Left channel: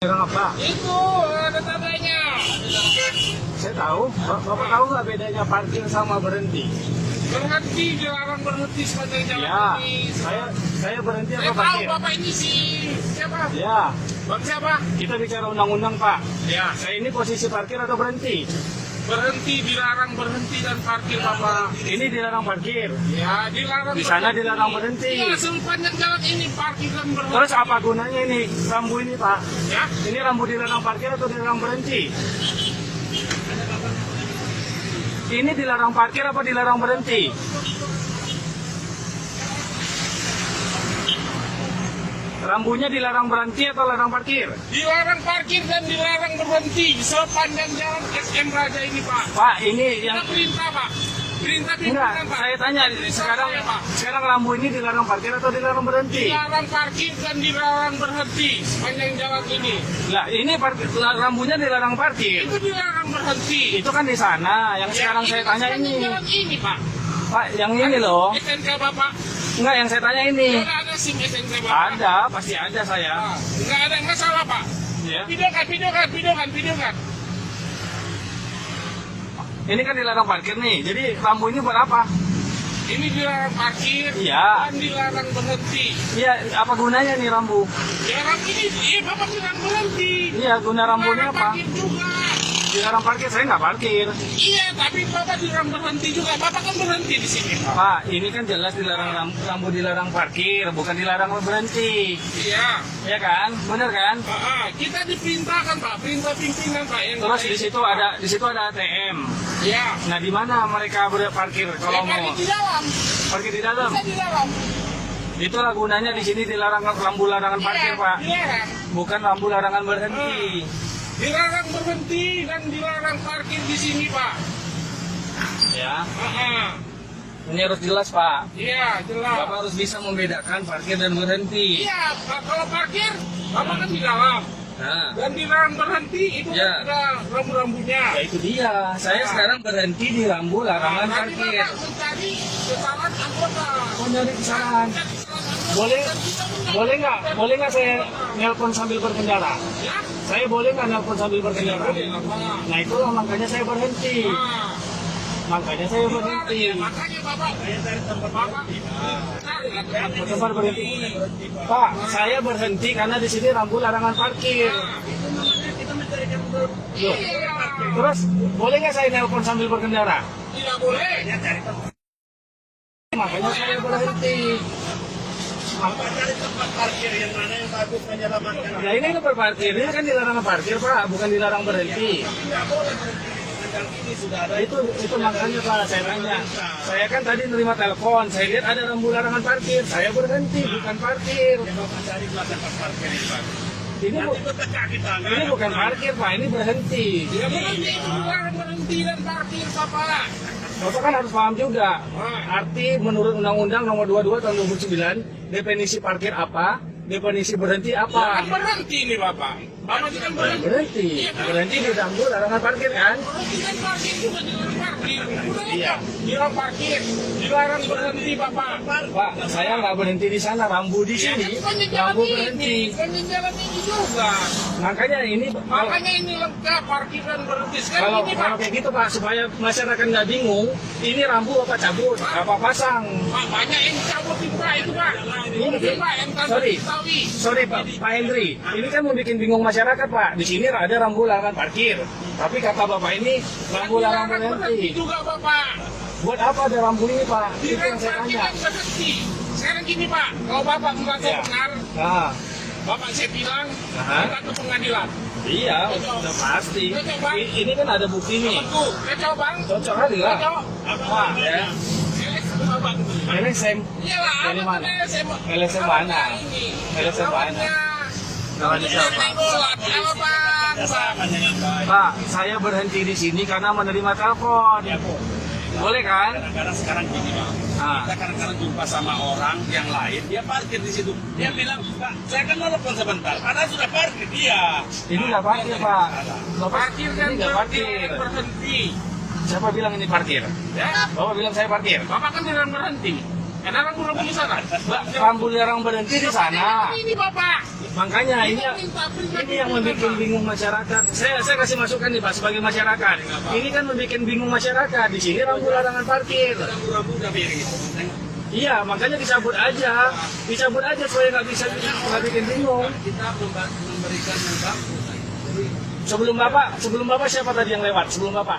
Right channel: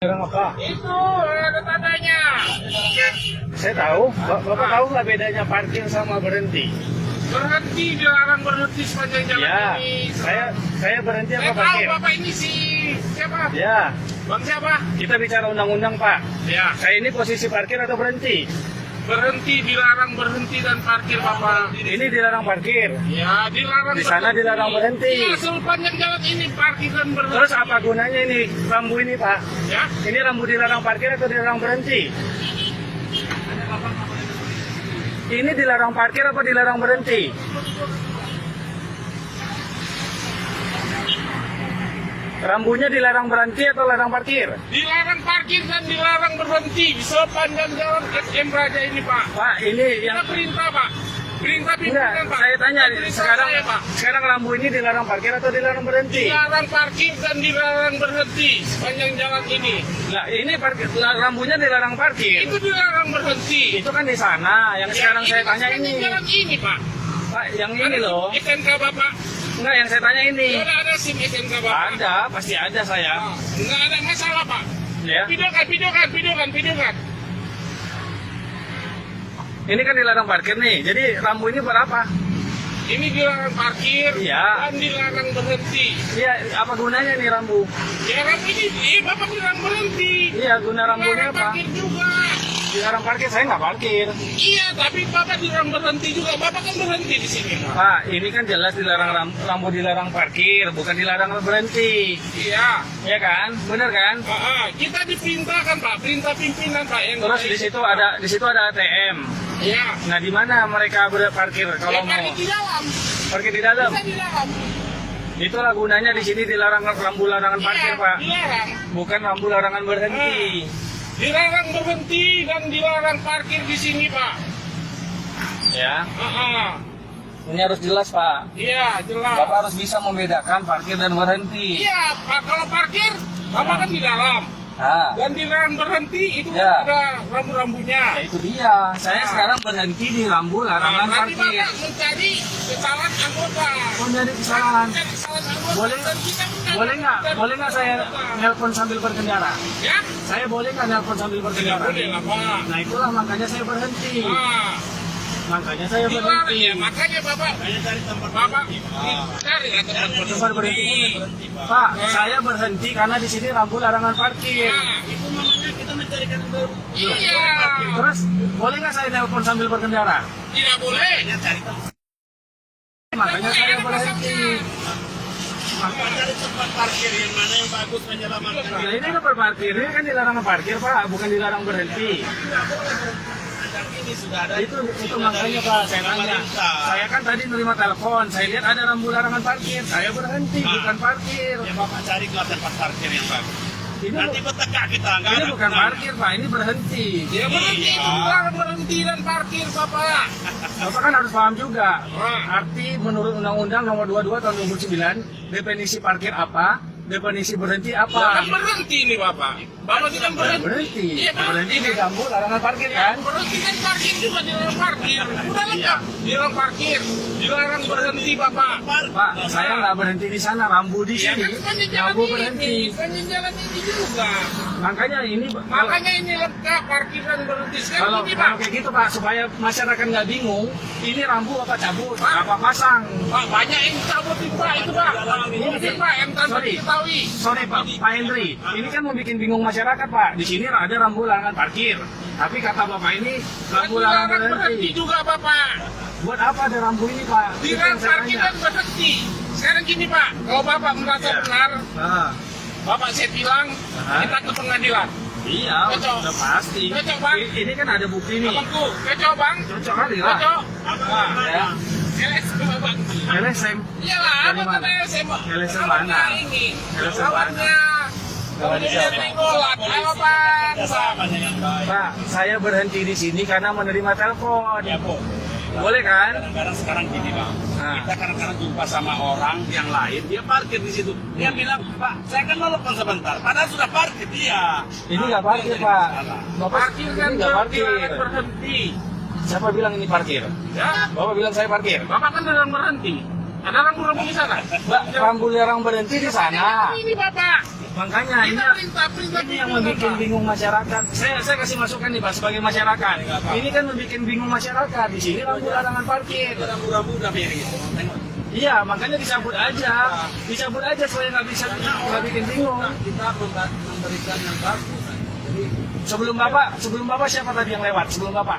Dilarang apa? Itu ada tandanya. Saya tahu. Bapak tahu nggak bedanya parkir sama berhenti? Berhenti, dilarang berhenti sepanjang jalan Ya, ini. saya berhenti Saya apa tahu parkir? Bapak ini si siapa? Ya, Bang siapa? kita bicara undang-undang Pak. Ya, Saya ini posisi parkir atau berhenti? berhenti, dilarang berhenti dan parkir Bapak. Ini dilarang parkir. Ya, dilarang Di sana dilarang berhenti. Iya, sepanjang jalan ini parkir dan berhenti. Terus apa gunanya ini rambu ini Pak? Ya, Ini rambu dilarang parkir atau dilarang berhenti? Ini dilarang parkir apa dilarang berhenti? Rambunya dilarang berhenti atau larang parkir? dilarang parkir dan dilarang berhenti sepanjang jalan SM Raja ini Pak. Pak, ini yang Kita perintah Pak. Perintah enggak, pimpinan Pak. saya tanya Perintah sekarang saya, Pak. sekarang rambu ini dilarang parkir atau dilarang berhenti? Dilarang parkir dan dilarang berhenti sepanjang jalan ini. Ya, ini parkir, rambunya dilarang parkir. Itu dilarang berhenti. Itu kan di sana. Yang sekarang saya tanya sepanjang ini. jalan ini Pak. Pak, yang ini loh. SNK Bapak. Enggak, yang saya tanya ini. Tidak ada SIM SNK Bapak. Ada, pasti ada saya. Tidak ada masalah Pak. Ya. Videokan. Ini kan dilarang parkir nih. Jadi rambu ini buat apa? Ini dilarang parkir Iya. dan dilarang berhenti. Iya, apa gunanya nih rambu? Dilarang ini, Bapak dilarang berhenti. Iya, guna rambunya Dilarang apa? parkir juga. Dilarang parkir, saya nggak parkir. Iya, tapi Bapak dilarang berhenti juga. Bapak kan berhenti di sini. Pak, ini kan jelas dilarang rambu dilarang parkir, bukan dilarang berhenti. Iya. Iya kan? Bener kan? Kita diperintahkan Pak, perintah pimpinan Pak. Yang Terus di situ ada ATM. Iya. Nah, di mana mereka berparkir kalau Ya, mau di dalam. parkir di dalam? Kita di dalam. Itulah gunanya di sini dilarang rambu larangan parkir, Iya, Pak. dilarang. Bukan rambu larangan berhenti. Dilarang berhenti dan dilarang parkir di sini Pak. Ya, Ah, ini harus jelas, Pak. Iya, jelas. Bapak harus bisa membedakan parkir dan berhenti. Iya, Pak, kalau parkir, Bapak kan di dalam. Nah, Dan dilarang berhenti, itu Ya. kan ada rambu-rambunya. ya itu dia. Saya sekarang berhenti di rambu larangan Nanti parkir. Bapak mencari kesalahan anggota. Oh, nyari kesalahan. Mencari kesalahan anggota. Boleh, Dan kita mencari boleh nggak saya nelpon sambil berkendara? Ya? Saya boleh nggak nelpon sambil berkendara? Boleh lah, Pak. Nah, itulah makanya saya berhenti. Ah, Makanya saya dilarang berhenti. ya, makanya Bapak cari lah tempat Tempat berhenti. Pak, saya berhenti karena di sini rambu larangan parkir. Nah, itu namanya kita mencarikan Iya. Terus, boleh nggak saya nelpon sambil berkendara? Tidak boleh. Makanya saya berhenti. Cari tempat parkir yang mana yang bagus menyelamatkan. Nah, ini tempat parkir. Ini kan dilarang parkir, Pak, bukan dilarang berhenti. Ini sudah ada Itu makanya Pak, saya tanya. Saya kan tadi nerima telepon, saya lihat ada rambu larangan parkir. Saya berhenti, bukan parkir. yang Bapak cari kelas tempat parkir yang bagus. Ini, Nanti bertekak kita nggak ini ada bukan gunanya. parkir, Pak, ini berhenti. Ya berhenti, dilarang berhenti dan parkir Bapak. Bapak kan harus paham juga. Arti menurut Undang-Undang Nomor 22 Tahun 2009, definisi parkir apa, definisi berhenti apa. Kan berhenti nih Bapak. Bapak tidak berhenti. Berhenti. Iya, Pak. Berhenti di rambu larangan parkir kan? Berhenti dan parkir juga dilarang parkir. Udah lengkap. Dilarang parkir, dilarang berhenti Bapak. Pak, saya nggak berhenti di sana, rambu di Ya sini. kan sepanjang jalan Rambu ini, berhenti. sepanjang jalan ini juga. Makanya ini Makanya ini lengkap parkir dan berhenti. Sekarang kalau ini Pak, kalau kayak gitu Pak, supaya masyarakat nggak bingung, ini rambu apa cabut, apa pasang. Pak banyak yang cabut itu Pak, itu Pak. Ini Pak yang tanpa Sorry. diketahui. Sorry Pak Hendri, ini kan mau bikin bingung masyarakat Pak. Di sini ada rambu larangan parkir, tapi kata Bapak ini rambu larangan Dilarang berhenti berhenti. juga Bapak. Buat apa ada rambu ini Pak? Itu yang Dilarang saya parkir tanya. dan berhenti. Sekarang gini Pak, kalau Bapak merasa Ya. benar, Nah, Bapak saya bilang, Aha. kita ke pengadilan. iya, Cocok. udah pasti. Cocok, Bang. Ini kan ada bukti nih. Temanku, kacau Bang. Cocok kali lah. Cocok. Wah, ya. LSM Bang. LSM. Iyalah, Dari apa mana? LSM? LSM mana? Ini. LSM mana? Lawannya. Lawan Ini siapa? dari bola. Halo Bang. Kerjasama dengan baik. Pak, saya berhenti di sini karena menerima telepon. Ya Bu. Boleh kan? Kadang-kadang sekarang gini Bang. Ah. Kita kadang-kadang jumpa sama orang yang lain, dia parkir di situ. Dia bilang, Pak, saya kan nelfon sebentar. Padahal sudah parkir dia. Ini nggak parkir Pak. Bapak Parkir ini dan nggak parkir. dilarang berhenti. Siapa bilang ini parkir? Ya. Bapak bilang saya parkir. Bapak kan dilarang berhenti. Ada rambu-rambu di sana. Rambu larang berhenti di sana. Ini Bapak. Makanya ini Perintah yang membuat bingung masyarakat. Saya kasih masukan nih Pak sebagai masyarakat. Ini kan membuat bingung masyarakat. Di sini rambu larangan parkir. Rambu-rambu udah biarin. Iya, makanya dicabut aja supaya nggak bikin bingung. Kita memberikan yang bagus. Sebelum bapak siapa tadi yang lewat? Sebelum bapak?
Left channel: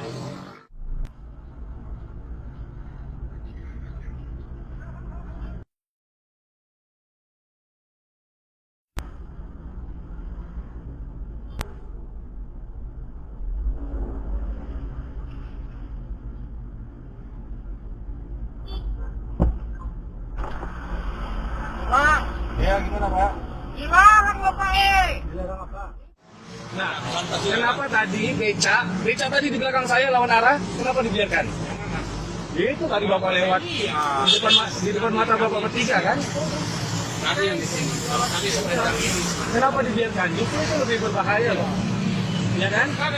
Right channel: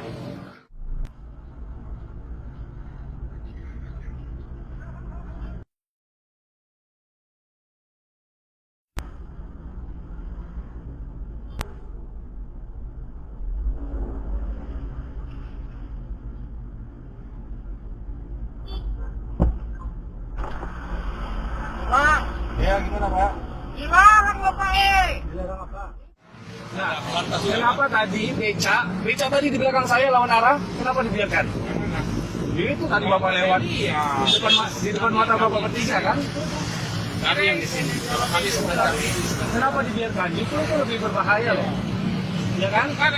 Pak, Ya gimana Pak? dilarang Bapak Dilarang apa? Nah, kenapa tadi beca tadi di belakang saya lawan arah, kenapa dibiarkan? Itu tadi bapak lewat di depan mata bapak bertiga kan? Ada yang di sini. Kalau kami sebenarnya Kenapa dibiarkan? Itu lebih berbahaya loh, ya kan? Kan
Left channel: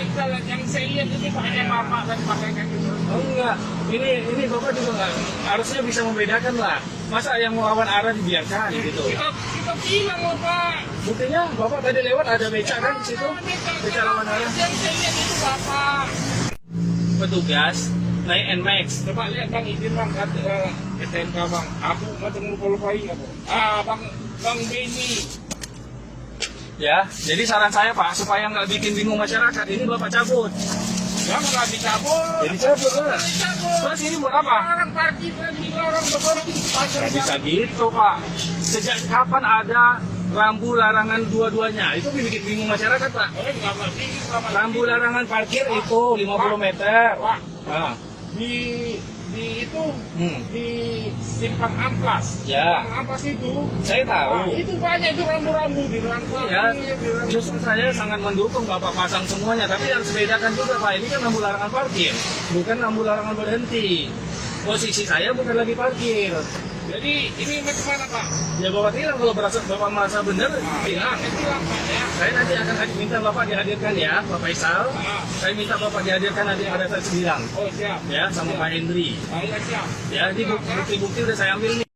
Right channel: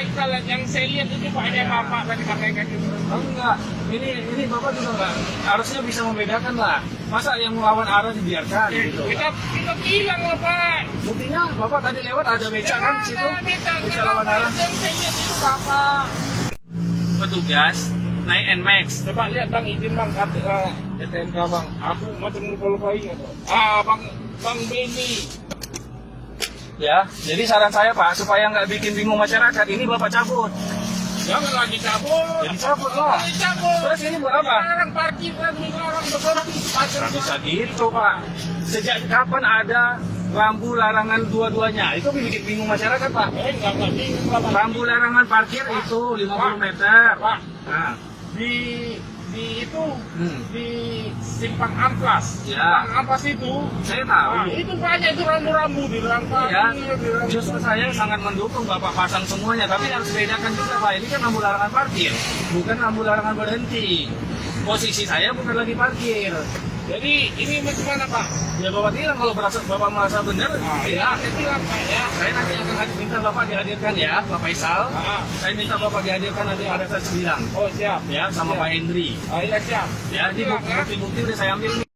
yang saya lihat itu banyak Bapak tadi pakai kayak gitu. Oh enggak, ini bapak juga enggak harusnya bisa membedakan lah. Masa yang melawan arah dibiarkan gitu? Kita bilang lah Pak. Buktinya bapak tadi lewat ada beca kan di situ, beca lawan arah. Yang saya lihat itu Bapak. Petugas naik NMAX. Coba lihat Bang, izin Bang, STNK Bang. Aku macam lupa-lupa ingat. Bang Beni. Ya, jadi saran saya Pak supaya nggak bikin bingung masyarakat, ini bapak cabut. Jangan lagi cabut. Jadi cabut lah. Cabut. Terus ini buat apa? Larang parkir dan dilarang berhenti. Nggak bisa gitu Pak. Sejak kapan ada rambu larangan dua-duanya? Itu bikin bingung masyarakat Pak. Rambu larangan parkir itu 50 meter. Pak, Nah, di itu di simpang amplas. Ya. Simpang amplas itu. saya tahu. Nah, itu banyak itu rambu-rambu di Ya, justru saya sangat mendukung Bapak pasang semuanya, tapi harus bedakan juga Pak. Ini kan rambu larangan parkir, bukan rambu larangan berhenti. Posisi saya bukan lagi parkir. Jadi ini bagaimana Pak? Ya Bapak bilang kalau Bapak merasa benar, bilang. Ya. Saya nanti akan minta Bapak dihadirkan ya, Pak Faisal. Saya minta Bapak dihadirkan nanti ada saya bilang. Oh siap. Ya, sama Pak Hendri. Iya siap. Ya, ini bukti-bukti udah saya ambil nih.